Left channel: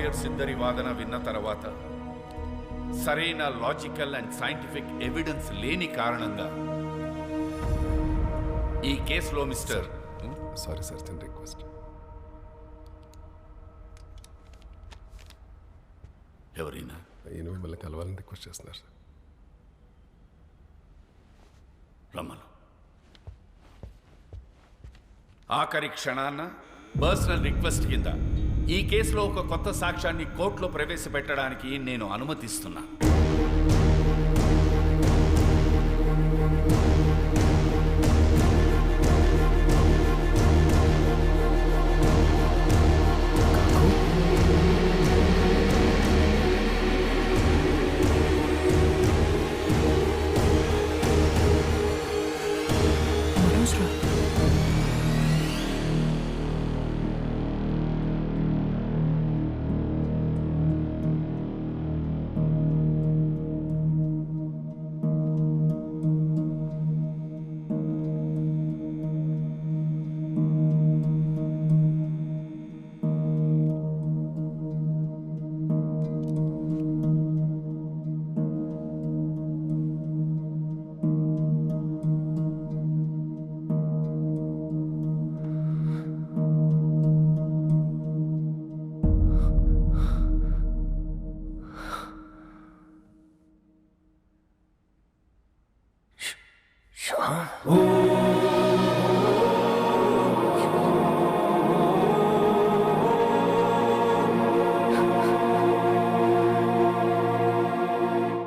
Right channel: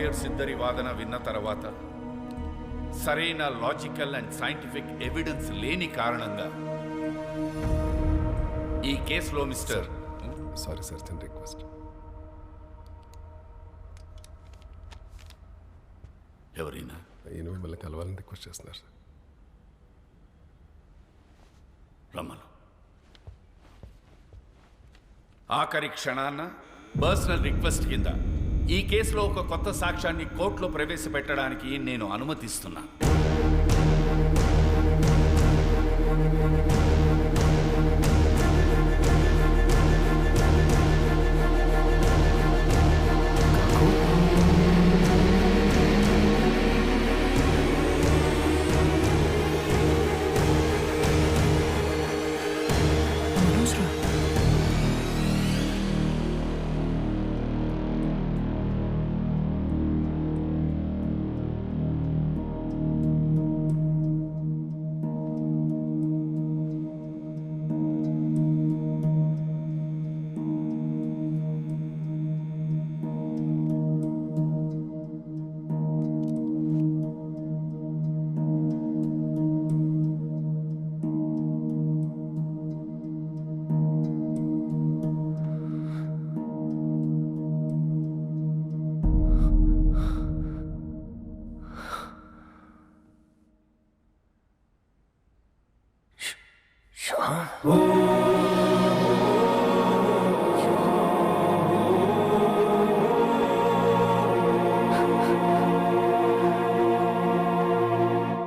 Lawyers ఇద్దరి వాదన విన్న తర్వాత సరైన లాజికల్ అండ్ సైంటిఫిక్ ఎవిడెన్స్ లేని కారణంగా ఈ కేసులో మిస్టర్ సారీ సార్, చిన్న రిక్వెస్ట్. ఎవరైనా ఈయన మిమ్మల్ని కలవాలని రిక్వెస్ట్ చేస్తున్నారు సార్. రమ్మను. ఆఖరి క్షణాన్న పర్సనల్ రిక్వెస్ట్ కింద ఈ కేసులో ఒక కొత్త సాక్ష్యాన్ని కోర్టులో ప్రవేశపెట్టడానికి నేను అనుమతిస్తున్నా.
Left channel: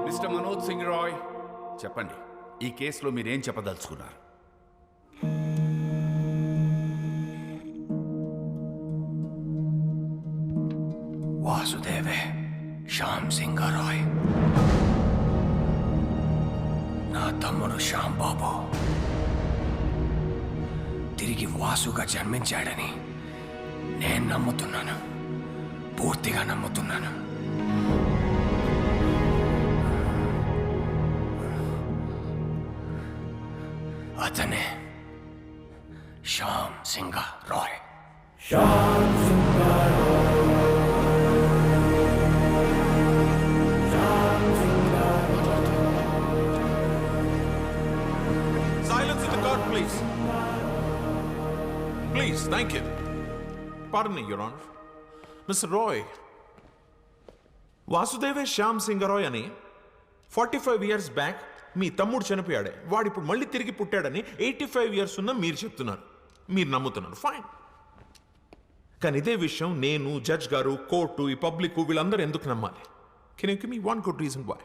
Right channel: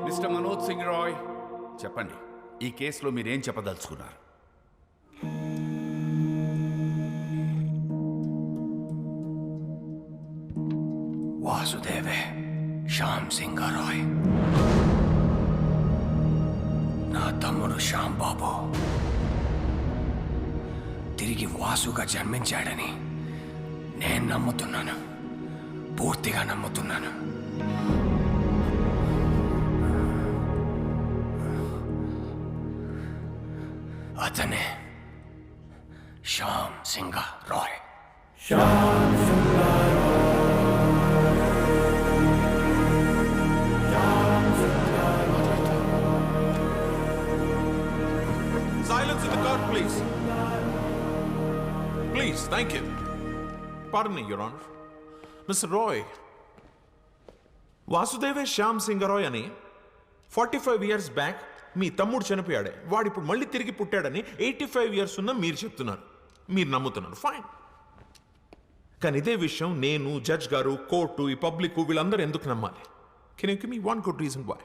మిస్టర్ మనోజ్ సింగ్ రాయ్, చెప్పండి, ఈ కేసులో మీరేం చెప్పదలుచుకున్నారు? వాసుదేవే శ్యామ్ సింగ్ రాయ్ నా తమ్ముడు శ్యామ్ బాబు తిరిగి వాసుగా జన్మించాడని నేను నమ్ముతున్నాను, పూర్తిగా నమ్ముతున్నాను. అతనే Shyam Singh Roy. Silence in the court, please. Please, thank you. Pardon me, Your Honor. Mr. Roy, వాసుదేవే Shyam Singh Roy అని 45 years బ్యాక్ మీ తమ్ముడు చనిపోయాడే, వాడు ఇప్పుడు మళ్ళీ తిరిగి పుట్టాడని 85 years ఉన్న మీరు చెప్తున్నారు, మీరు నమ్ముతున్నారు. ఫైన్. కానీ ఇదే విషయం నేను, జడ్జ్ గారు, కోర్టు, ఈ పబ్లిక్ వీళ్ళందరూ ఎందుకు నమ్మాలి? Can you give me one good reason why?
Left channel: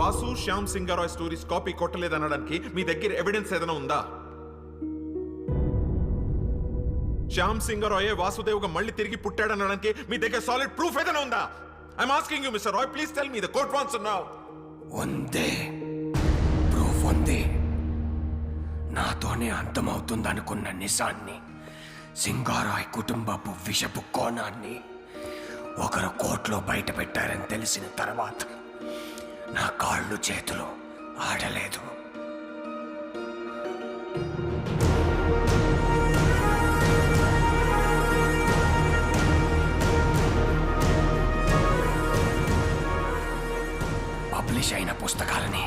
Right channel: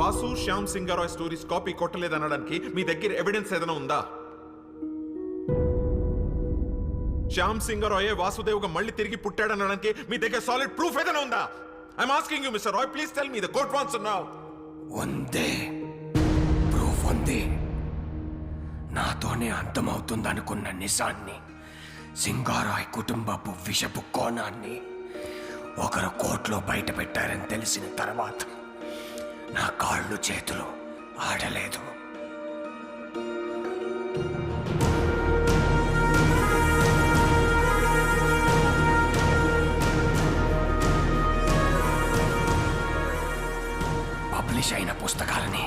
Vasu Shyam Singh Roy stories copy కొట్టలేదనడానికి మీ దగ్గర ఎవిడెన్స్ ఏదైనా ఉందా? శ్యామ్ సింగ్ రాయ్ వాసుదేవ్గా మళ్ళీ తిరిగి పుట్టాడనడానికి మీ దగ్గర సాలిడ్ ప్రూఫ్ ఏదైనా ఉందా? I'm asking you mister Roy, please tell me. The court wants to know. ఉందే, ప్రూఫ్ ఉంది. నాతోనే అంతమవుతుందనుకున్న నిజాన్ని, సింగారాయ్ కుటుంబపు విషపు కోణాన్ని ఒకరు కోర్టులో బయట పెట్టారని తెలిసిన తర్వాత నా కాళ్ళు చేతులు ఆడలేదు. పబ్లిష్ అయిన పుస్తకాలని,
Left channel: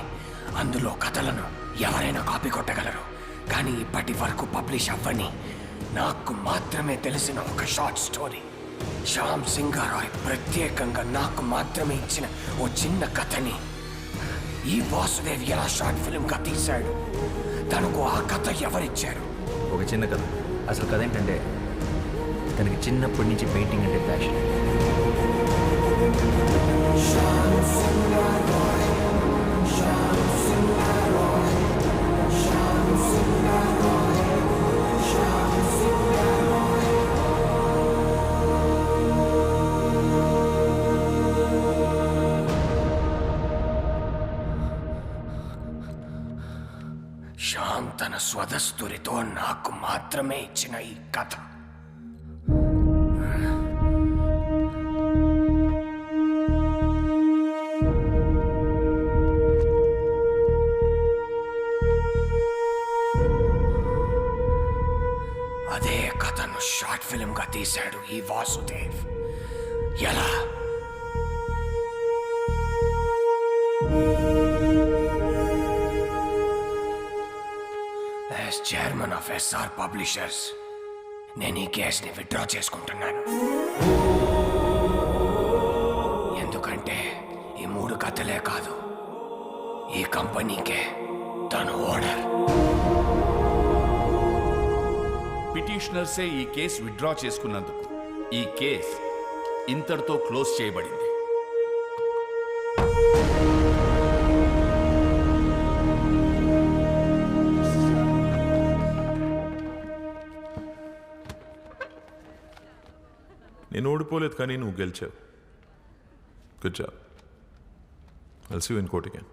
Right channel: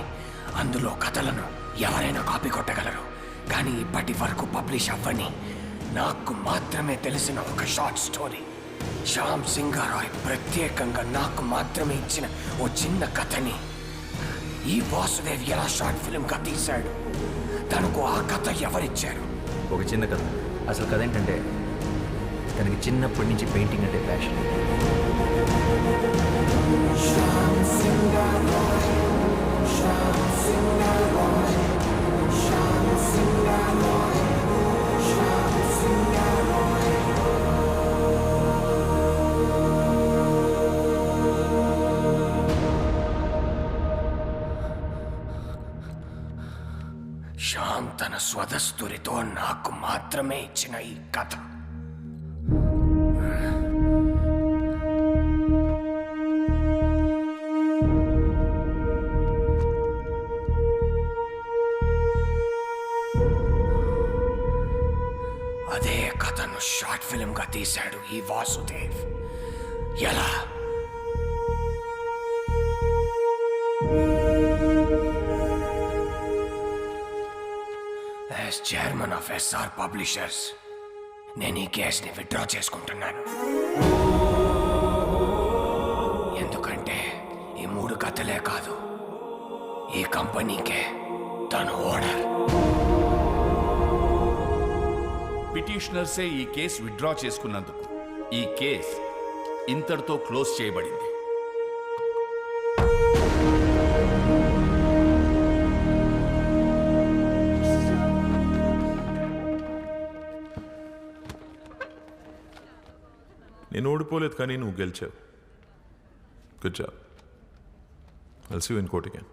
అందులో కథలను ఎవరైనా కాపీ కొట్టగలరు. కానీ ఇప్పటి వరకు పబ్లిష్ అవ్వని, నాకు మాత్రమే తెలిసిన ఒక షార్ట్ స్టోరీ, శ్యామ్ సింగ్ రాయ్ ప్రత్యేకంగా నాకు మాత్రమే ఇచ్చిన ఓ చిన్న కథని ఈ వాసుదేవ్ ఎలా షార్ట్ ఫిల్మ్గా తీశాడు. తనకు ఆ కథ ఎవరిచ్చారు? ఒక చిన్న కథ. అసలు కథ ఏంటంటే, తనకి చిన్నప్పటి నుంచి పెయింటింగ్ అంటే ప్యాషన్. శ్యామ్ తన స్వదస్తురితో నాకు మాత్రమే ఇచ్చిన ఈ కథ అదే కథను షార్ట్ ఫిల్మ్గా తీశాడు ఈ వాసుదేవ్. ఎలా? As chairman of SR publishers నేను ఈ కేసుని విత్డ్రా చేసుకుంటున్నాను. ఎందుకంటే ఈ 3 కథలే కాదు, ఈ కంపెనీకే తను ఓనర్. పిటిషనర్సే ఈ కేసు విత్డ్రా చేసుకున్నందుకు ఈ కేస్ ఇంతటితో క్లోజ్ చేయబడింది. నేను ఓడిపోలేదు కానీ నువ్వు గెలిచావు. Good job. I'll see you in court again.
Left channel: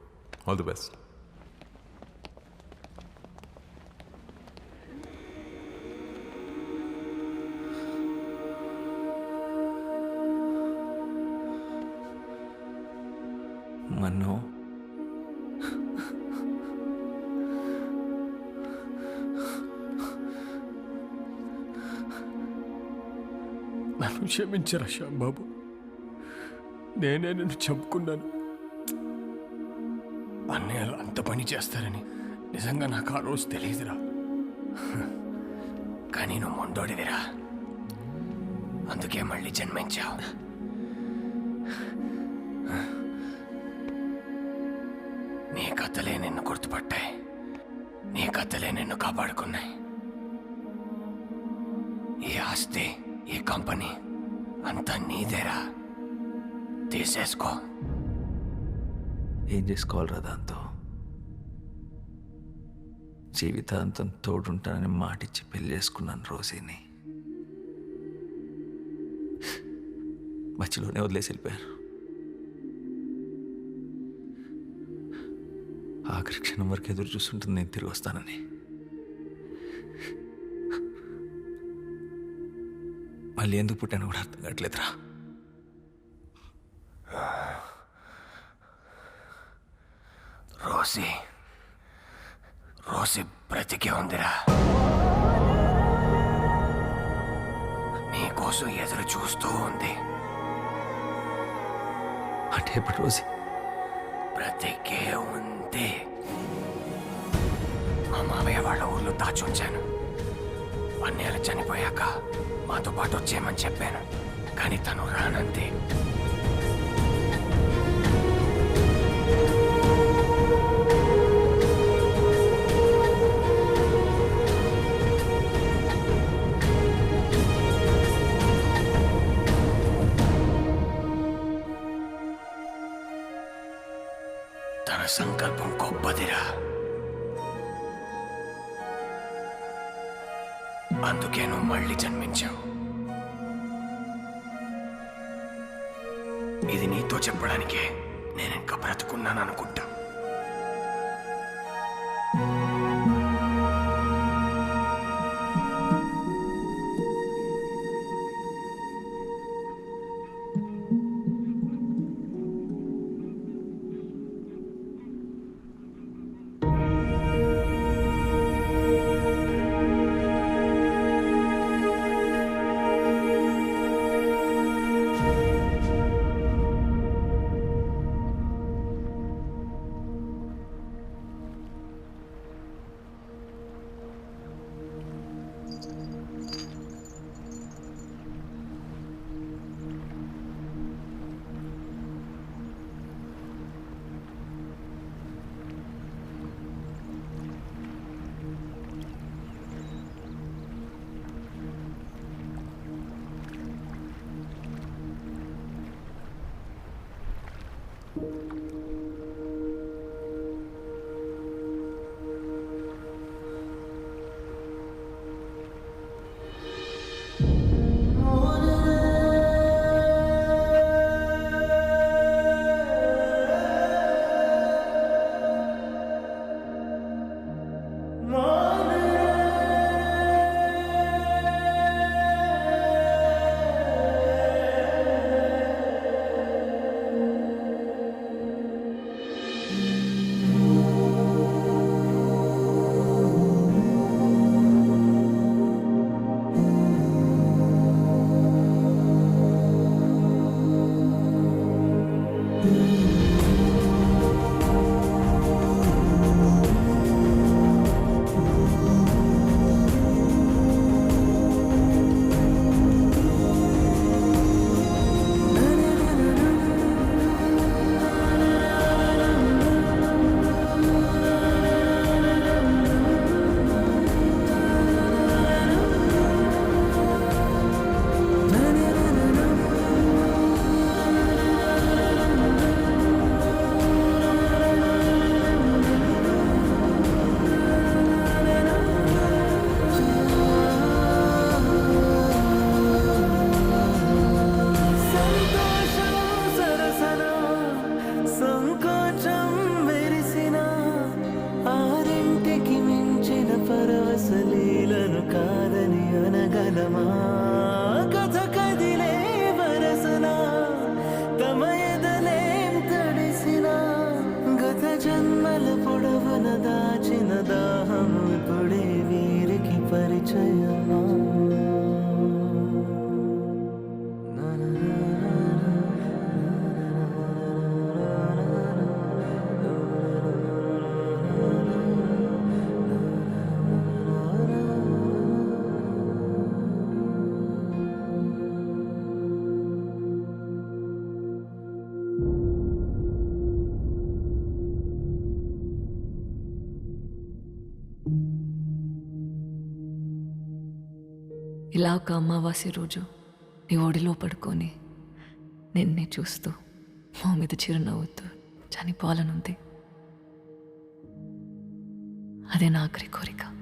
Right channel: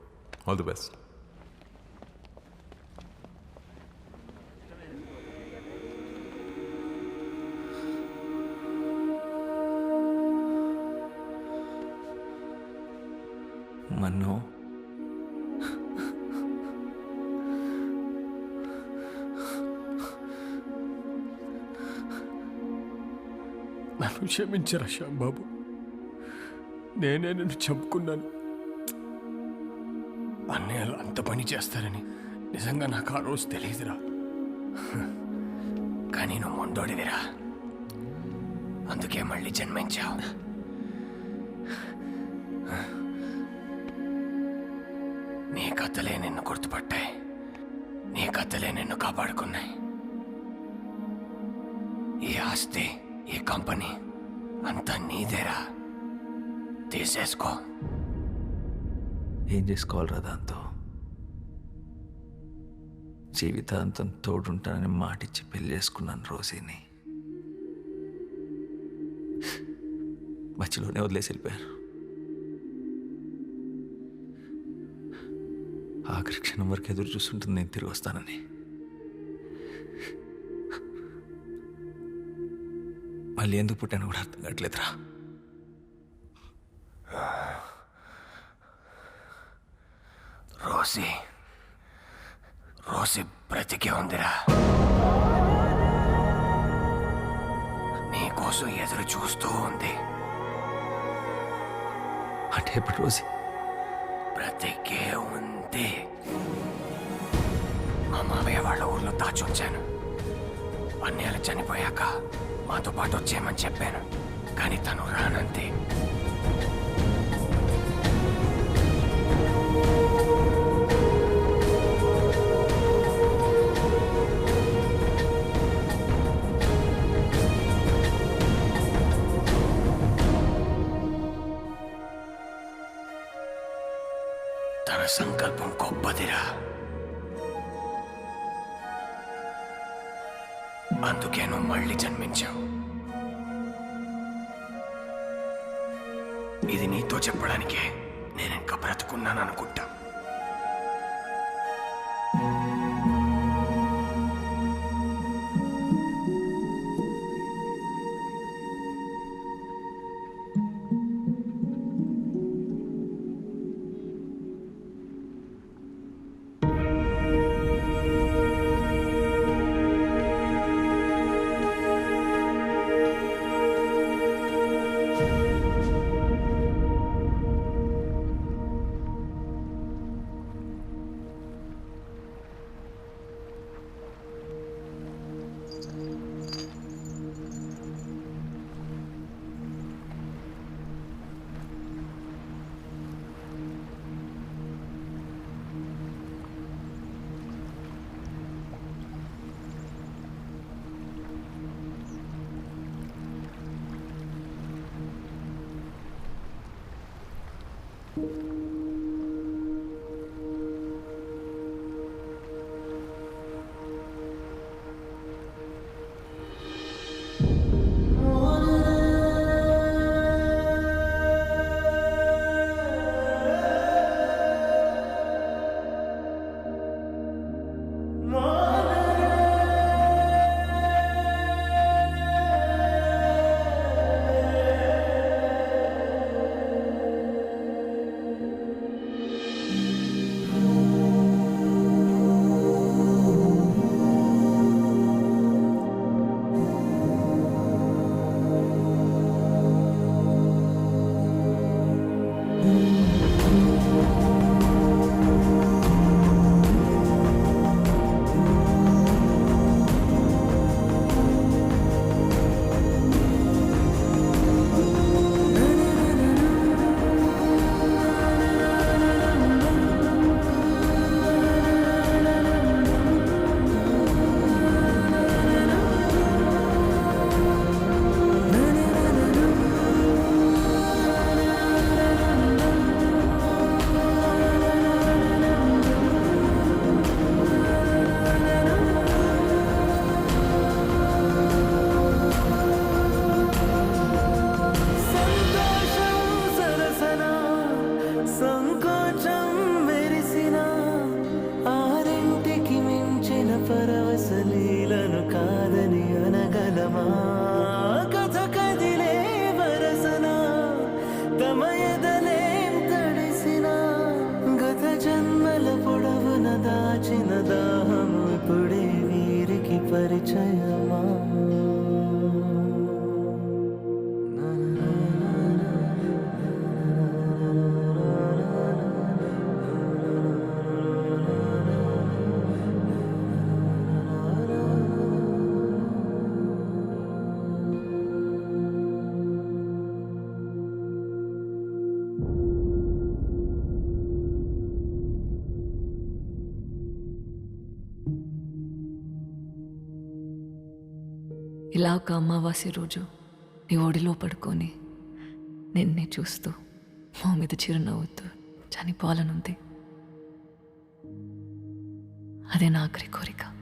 All the best. మన్ను, నన్ను క్షమించరా శ్యాంబాబు, నేనే నిన్ను చంపుకున్నాను. అన్నయ్యలు అంత పని చేస్తారని నిజంగా నాకు ఆ రోజు తెలియదురా. కానీ నువ్వు మొండోడివిరా, అందుకే మళ్ళీ జన్మించావు. నీ కథలే నిన్ను గుర్తుపట్టాయి, నీ కథలే నిన్ను కాపాడుకున్నాయి. ఈ ఆస్తి, ఈ కంపెనీ అంతా నీదేరా, తీసేసుకో. ఏం చేసుకోవాలరా దాంతో? జీవితాంతం తోడుంటానని మాటిచ్చి పెళ్లి చేసుకున్నాను రోజీని. మధ్యలోనే వదిలేసి వెళ్ళిపోయారు. ఆఖరి క్షణం వరకు ఎదురు చూస్తుంటుంది నేను తిరిగి వస్తానని. మళ్ళీ ఎందుకు పుట్టాను కూడా అర్థం కావట్లేదురా. రోసి రోసి బ్రతికే ఉందిరా, నీకోసం ఎదురు చూస్తూ ఉంది. అంటే ఇప్పుడు రోజీ బ్రతికే ఉంది. మా మామయ్య వాళ్ళ ఊర్లో దాచుంచాను. అన్నయ్యలు చనిపోయాక మాతో పాటు వచ్చేయమని చెప్పాను, కానీ తను రానంతే. తన సంకల్పం గొప్పదిరా, అందుకే నువ్వు మళ్ళీ జన్మించావు. ఇది నీతో చెప్పడానికే నేను ఇంకా బ్రతుకున్నాను అనుకుంటా. దాచిన దాహం ఇప్పుడే వీరికి పరిచయమా ఇలా ఒక అమావాస్య రోజు నీ ఒడిలో పడుకొని నిన్నే చూస్తూ మా మీద చిరునవ్వుతూ చనిపోవాలనుంది. అదే నా ఆఖరి కోరిక.